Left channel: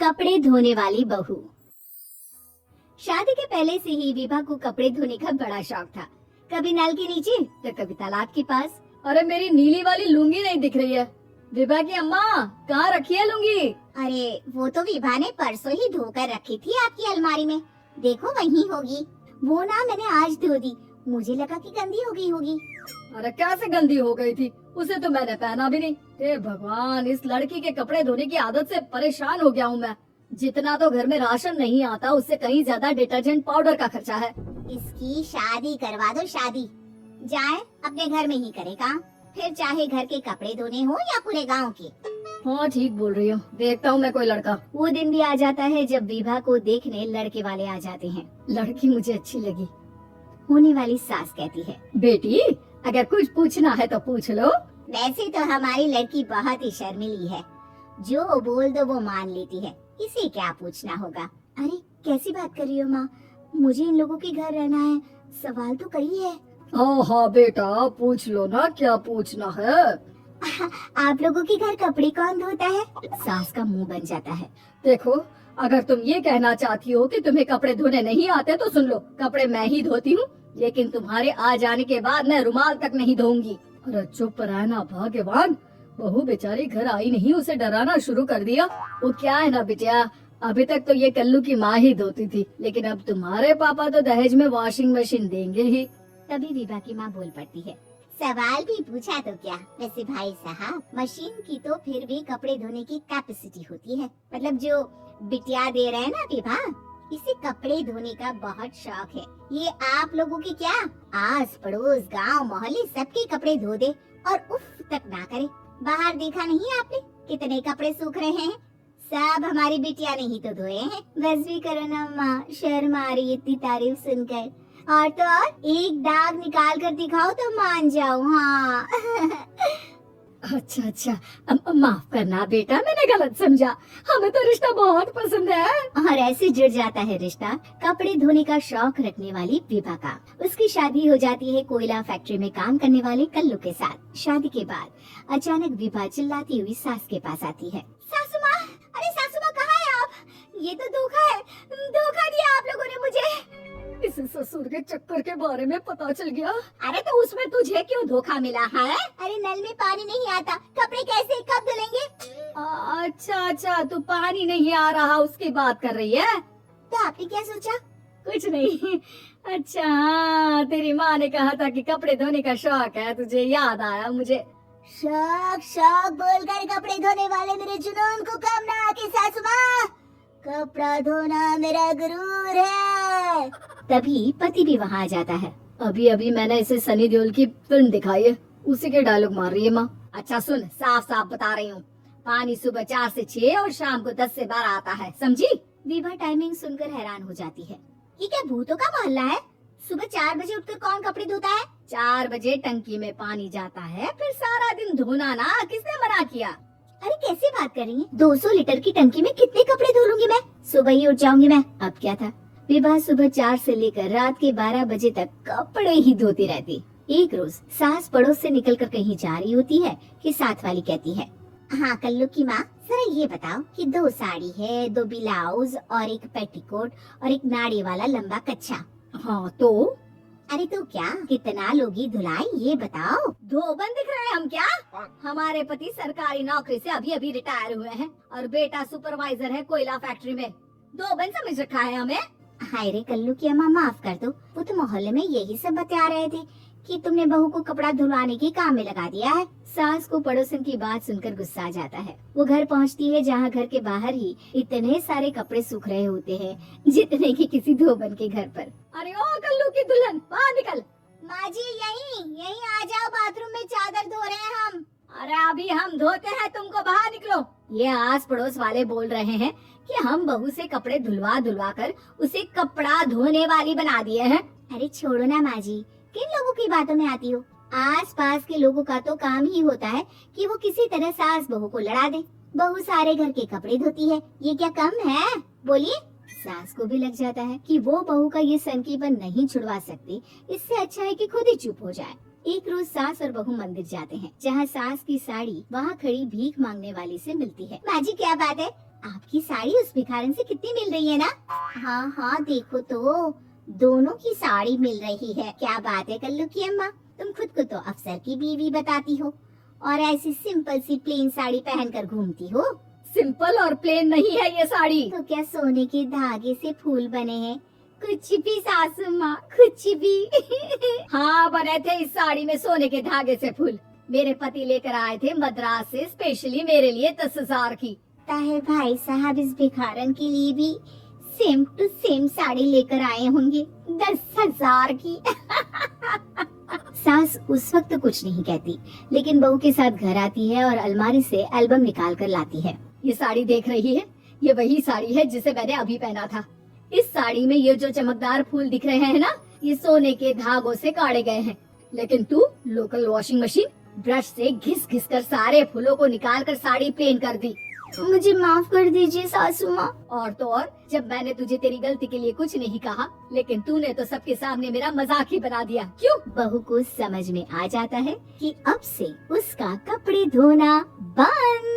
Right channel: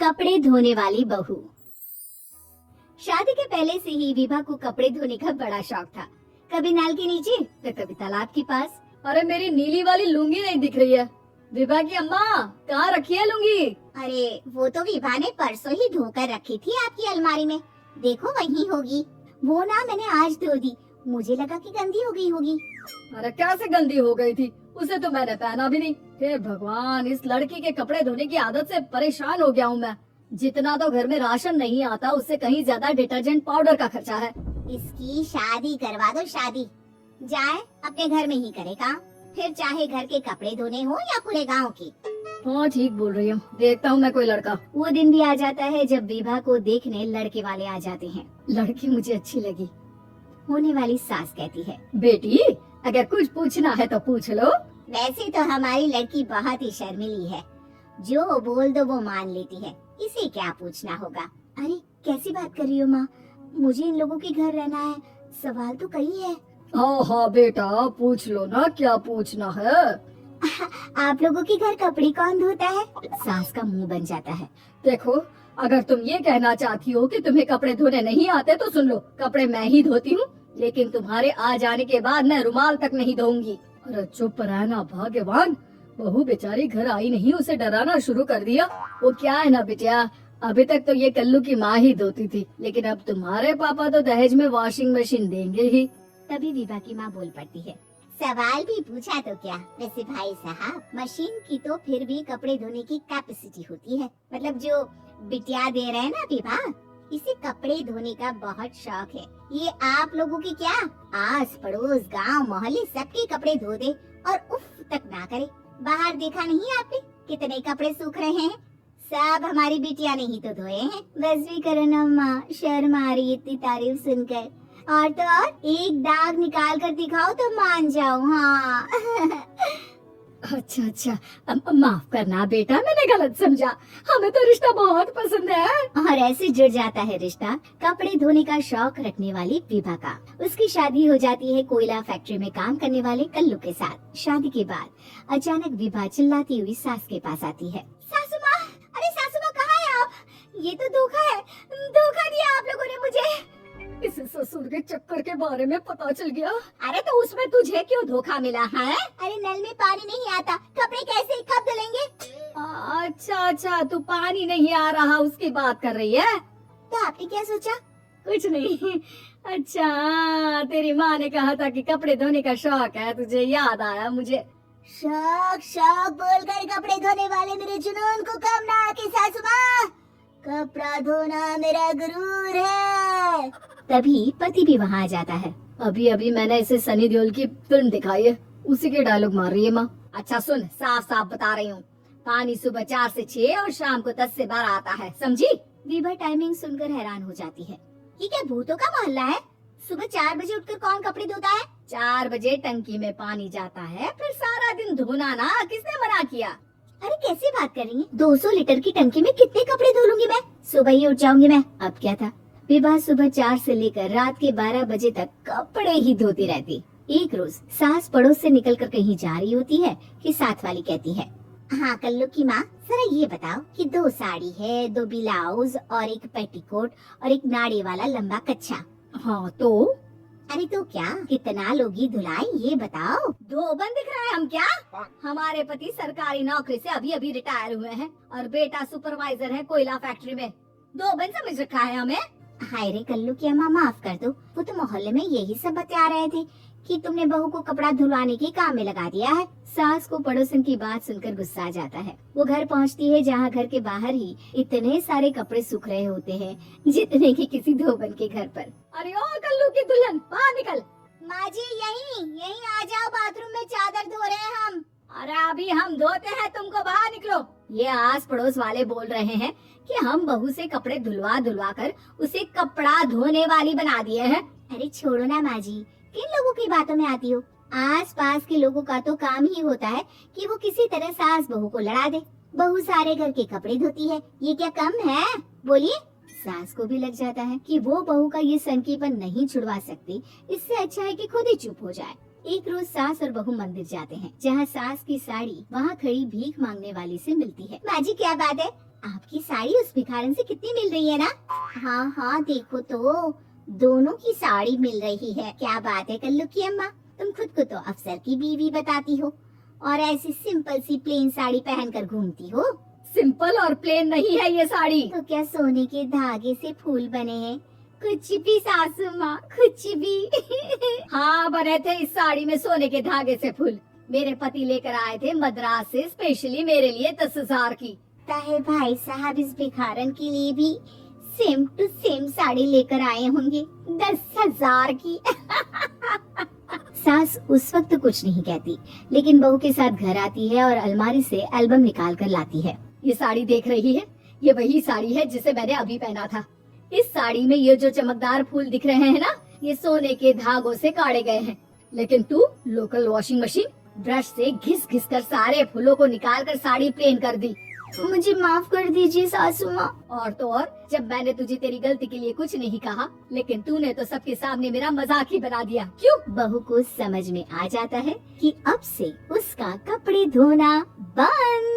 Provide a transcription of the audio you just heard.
कपड़े धोने वाली बहू। शादी के पहले से ही विभा को कपड़े धोने का बड़ा शौक था। कभी नल के नीचे तो कभी तालाब के पास। अरे मेरी नीली वाली लुंगी नहीं दिख रही है। विभा की अम्मा कहाँ रखी है लुंगी? अरे वो तो विभा ने परसों ही धोकर रखी थी आपकी अलमारी में, देखो वहीं होगी। वो ना मैंने आज धो दी, मुझे लगा कि गंदी हो गई होगी। अरे कैसे गंदी हो गई थी, उसे तो मैंने पहना भी नहीं। हे भगवान, इस लड़की के कपड़े धोने की आदत से परेशान हो गया हूँ मैं। जितना तो घर में राशन नहीं आता, उससे कहीं ज्यादा डिटर्जेंट पाउडर का खर्चा है। इसकी शादी करवा दो, शादी जाए अपने घर में ही करेगा, फिर चाहे घर के कपड़े धोने हो या पूरे गांव के। हाँ ठीक बोल रही हूँ, देखता हूँ मैं कोई लड़का। वो दिन भी आ जाता है जब विभा को देखने लड़के वाले आ जाते हैं। लड़की मुझे अच्छी लगी। होने वाली सास कहती है, बेटी अगर कुछ पूछना है तो पूछ लो। वैसे तो हमारी लड़की बहुत ही शर्मीली है, जो बोल दो वो मान लेती है, इसे क्या पूछना होगा। अरे कैसी बात कर रही हो माँ, मुझे इन लोगों के घर रहना है, सवाल तो कई है। हाँ हाँ बेटा पूछ लो ना, क्या पूछना है। आप लोगों के घर कपड़े कौन धोता है? सास का मुंह बन जाता है। देखो अगर तुम ये कहना चाहती हो कि तुम्हें कपड़े धोने नहीं आते तो सुन लो, कपड़े मैं ही धोती हूँ, लेकिन तुम्हारे आ जाने के बाद मैं रुमाल तक नहीं धोऊंगी। अरे चुप रहना भगवान, बहू बेचारी घर आई नहीं, उसे डराना शुरू कर दिया। वो क्या है ना बिटिया, अभी तक तो ये कल्लू की माँ ही धोती थी, लेकिन अब तुम्हारे पापा तो दहेज में वॉशिंग मशीन देंगे ही। तभी विभा की माँ बोल पड़ती है, सवाल भी पूछा तो क्या। वैसे भाई साहब, मशीन की तो फिर भी कपड़े धोने की कैपेसिटी होती है, मतलब जो बिटिया दे रहे हैं ना विभा, इसे कपड़े धोने का बहुत शौक है। ये आप लोगों के क्या आस पड़ोस गांव मोहल्ले सबके कपड़े धो दे और उफ तक ना करे। बाहर देखा नहीं आपने कितने कपड़े सूख रहे हैं, सब हमारी बिटिया ने ही तो धोए हैं। बस भी करो ना माँ, शर्म आ रही है इतनी तारीफ सुनकर। और तो और एक दाग निकाल कर दिखाओ तो मान जाओ। हाँ अच्छा अच्छा, माफ करना बेटा, मैंने गलत समझा, हमें तो रिश्ता बहुत पसंद है। और ऐसे जुड़ जाता है रिश्ता कपड़े धोने का शौक रखने वाली विभा का। उसकी शादी हो जाती है कोयला फैक्ट्री में काम करने वाले कल्लू के साथ। शादी के बाद अचानक विभा चिल्लाती हुई सास के पास आती है, सासू माँ, अरे सासू माँ कहाँ है आप? ये तो धोखा है, धोखा दिया आप लोगों ने मुझे। इसे ससुर के चक्कर के बारे में पता चल गया। अरे तो उसमें तुझे क्यों धोखा मिला है? अरे नल में पानी नहीं आता, कपड़े कैसे कब धुलेंगे? अच्छा अच्छा, तू पानी नहीं आ रहा उसकी बात कर रही है। तो आपने क्या सोचा? कुछ नहीं। अच्छा तेरी माँ ने कहा था कि कपड़े धोने का शौक है, तुझे याद आया मुझे। शौक शौक बोलकर कपड़े धोने वाले मेरे जुनून को कम ना आके सासू माँ, कपड़ा धोना मेरा गुरूर है। तभी पति भी वहाँ आ जाता है। अभी अभी मैंने इसे सनी देओल की फिल्म दिखाई है, उसी के डायलॉग मार रही है माँ। अच्छा सुन, साफ साफ बता रही हूँ, पानी सुबह 4 से 6 और शाम को 10 से 12 आता है, समझी? विभा टाइमिंग सुनकर हैरान हो जाती है। ये क्या भूतों का मोहल्ला है? सुबह 4 बजे उठकर कौन कपड़े धोता है? 4 बजे टंकी में पानी जाता है, फिर सारा दिन धोना ना, किसने मना किया? अरे कैसी बात कर रही है? 200 लीटर की टंकी में कितने कपड़े धो लूंगी मैं? सुबह ही उठ जाऊंगी मैं। अब क्या था, विभा सुबह 4 से लेकर रात के 12 बजे तक कपड़े ही धोती रहती। एक रोज सास पड़ोस से निकलकर कहीं जा रही होती है कि साथ वाली कहती है, हाँ कल्लू की माँ, जरा ये बताओ कि 2 साड़ी है, 2 ब्लाउज और एक पेटीकोट और एक नाड़ी वाला लंबा कच्छा। हाँ तो? अरे तो क्या, कितना लोगी धुलाई ये बताओ। धोबन दिख रहा है हम क्या? हमारे पति सरकारी नौकरी से अभी अभी रिटायर हुए हैं और बेटा सुपरवाइजर है कोयला फैक्ट्री में। धोबन समझ रखा है हमें? हाय रे कल्लू की अम्मा, माफ कर दो, वो तो मोहल्ले में यही सब बता रहे थे कि तुमने बहू को कपड़ा धुलवाने के काम में लगा दिया है। सास को पड़ोसन की बात सुनकर गुस्सा आ जाता है। वो घर पहुंचती है जहां घर के बाहर ही इतने सारे कपड़े सूख रहे होते हैं जितने कि किसी धोबन के घर पर। अरे ओ कल्लू की दुल्हन, बाहर निकल। माँ जी यहीं आ जाओ, बाथरूम में चादर धो रहे हैं हम। अरे अभी हम धोते हैं, तुमको बाहर निकलो। ये आस पड़ोस वाले बोल रहे हैं कि हम बहू से कपड़े धुलवा धुलवा कर उसे कपड़ा धोने वाली बना दिए हैं। अरे छोड़ो ना माँ जी, किन लोगों की बातों में आती हो? आस पास के लोगों का तो काम ही होता है कि वो किसी तरह सास बहू को लड़ा दे। बहू सारे घर के कपड़े धोती है, ये क्या कम है? बोलिए। सास को भी लग जाता है कि वो बहू का ये संकीपन नहीं छुड़वा सकती, इससे अच्छा है कि खुद ही चुप हो जाए। एक रोज सास और बहू मंदिर जाते हैं, जहाँ सास की साड़ी वहाँ खड़ी भीख मांगने वाली से मिलती है। माँ जी क्या बात है, आपकी साड़ी उस भिखारन से कितनी मिल रही है ना? हाँ हाँ देखो तो, दोनों की साड़ी मिल रही है। क्या बात है कल्लू की अम्मा, तुम खुद को तो अफसर की बीवी बताती हो और ऐसी सिंपल सी प्लेन साड़ी पहनकर घूमती हो। सिंपल और प्लेन नहीं है ये साड़ी। तो क्या सोने के धागे से फूल बने हैं? कुछ भी सासू माँ, कुछ भी। हाँ बने थे इस साड़ी में सोने के धागे से फूल। मेरे पति लेकर आए थे मद्रास से स्पेशली मेरे लिए 10,000 की। ताहे भाई साहब इस भिखारन के लिए भी सेम टू सेम साड़ी लेकर आए होंगे 10,000 की। सास उस वक्त कुछ नहीं कहती, लेकिन बहू के साथ घर आती है और अलमारी से एल्बम निकाल कर लाती है। ये साड़ी देख रही है, ये वही साड़ी है जिसे मैंने अभी पहना था। इस साड़ी में ये जो चमकदार फूल दिख रहे हैं ना, ये सोने के धागों से काटे गए हैं। लेकिन तू लोकल वॉशिंग मशीन ब्रश से घिस घिस कर सारे फूलों को निकाल कर साड़ी प्लेन कर दी। मुझे माफ कर दीजिए सासू माँ। और तो और, जब मैंने तुझे तेरी गलती के लिए कुछ नहीं कहा, लेकिन तूने तो सबके सामने मेरा मजाक ही बना दिया। क्यों? बहू को समझ में आ जाता है कि अब से उसका कपड़े धोना बंद।